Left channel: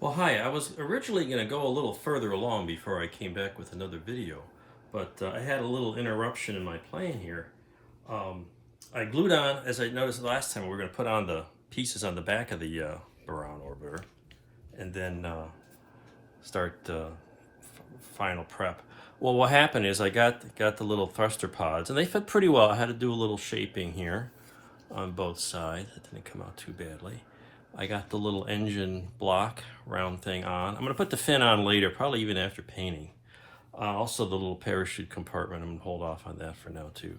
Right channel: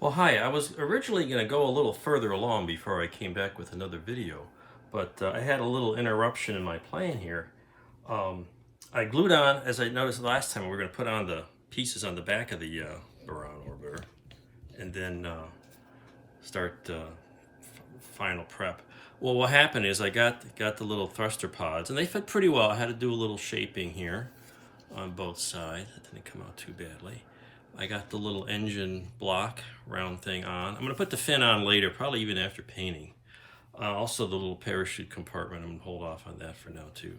Well, hi. I was originally going to go a little further along before I came back with another video, but I had a little interruption in my plan here. Um, I glued on, as I noticed last time, we were going to put on the pieces on the back of the Buran orbiter and then start final prep. Well, what happened is I got the little thruster pods, and they fit pretty well. I had to do a little shaping here on both sides. It didn't come out too badly. I got the little engine block round thing on. I'm going to put the fin on later, probably even after painting. Also the little parachute compartment, I'm going to hold off on that for now too.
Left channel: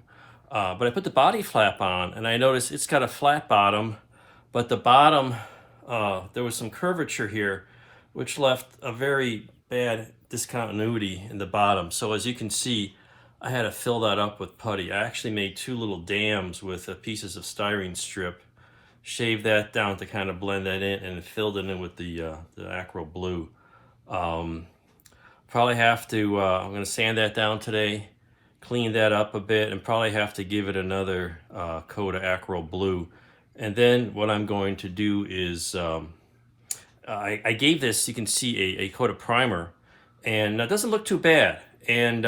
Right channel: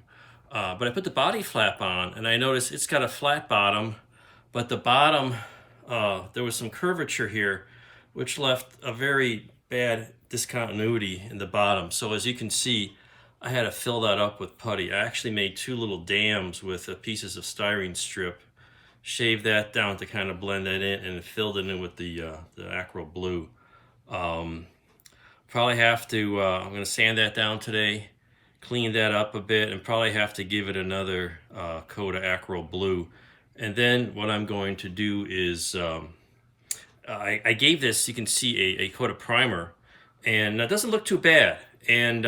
But I put the body flap on, and I noticed it's got a flat bottom, but the bottom, there was some curvature here, which left a very bad discontinuity in the bottom. So as you can see, I had to fill that up with putty. I actually made two little dams with pieces of styrene strip, shaved that down to kind of blend that in, and filled it in with the Acro Blue. Probably have to, I'm going to sand that down today, clean that up a bit, and probably have to give it another coat of Acro Blue. And then what I'm going to do is, I gave this, you can see, a coat of primer, and that doesn't look too bad. And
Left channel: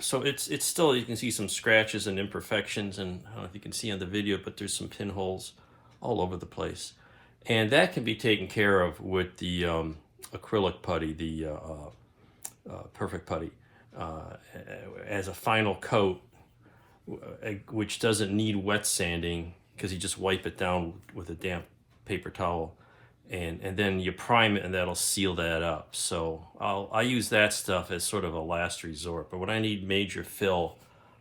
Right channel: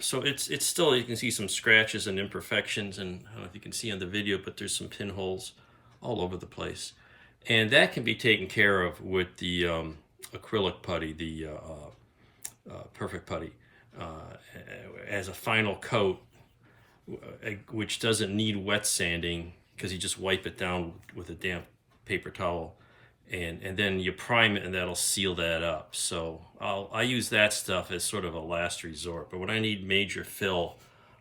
so it's still, you can see some scratches and imperfections, and I don't know if you can see on the video, but there's some pinholes all over the place. And that can be taken care of with the acrylic putty, the perfect putty, as a final coat, which doesn't need wet sanding because you just wipe it down with a damp paper towel. And then you prime it, and that'll seal that up. So I use that stuff as sort of a last resort. But when I need major fill,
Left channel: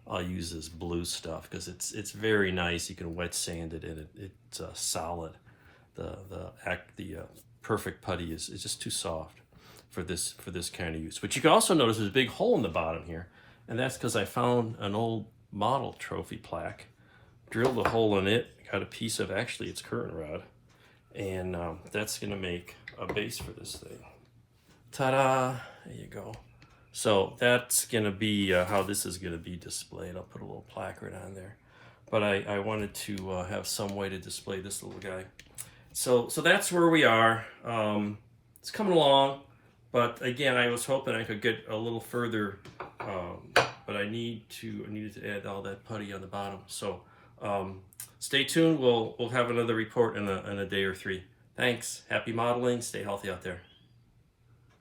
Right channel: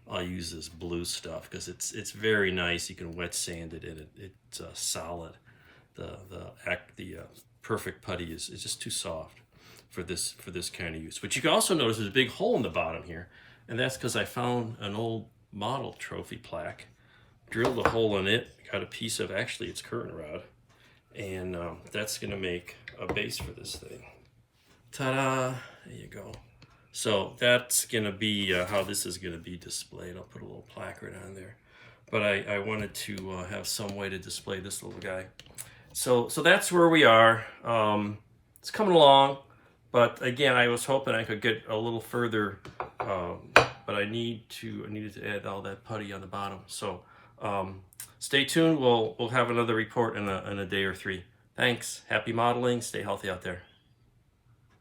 I'll use this blue stuff because it's very nice. You can wet sand it, and it's solid. The perfect putty is just too soft for this kind of use. But you can also notice there's a big hole in the bottom here, and that's because I found an old model trophy plaque, drilled a hole in it, got a piece of, actually it's curtain rod, and that's going to make a base for this thing. Ta-da! There you go. So that's going to be how this is going to be displayed. I'll put a little placard on there. But I wanted to have some way to display this little guy. So that's where we are. It's coming along, but again, I was hoping I could get a little further, but I needed to add all that putty on the bottom. So stay tuned. We'll have another report in a day or three. Thanks. Happy modeling. Stay healthy out there.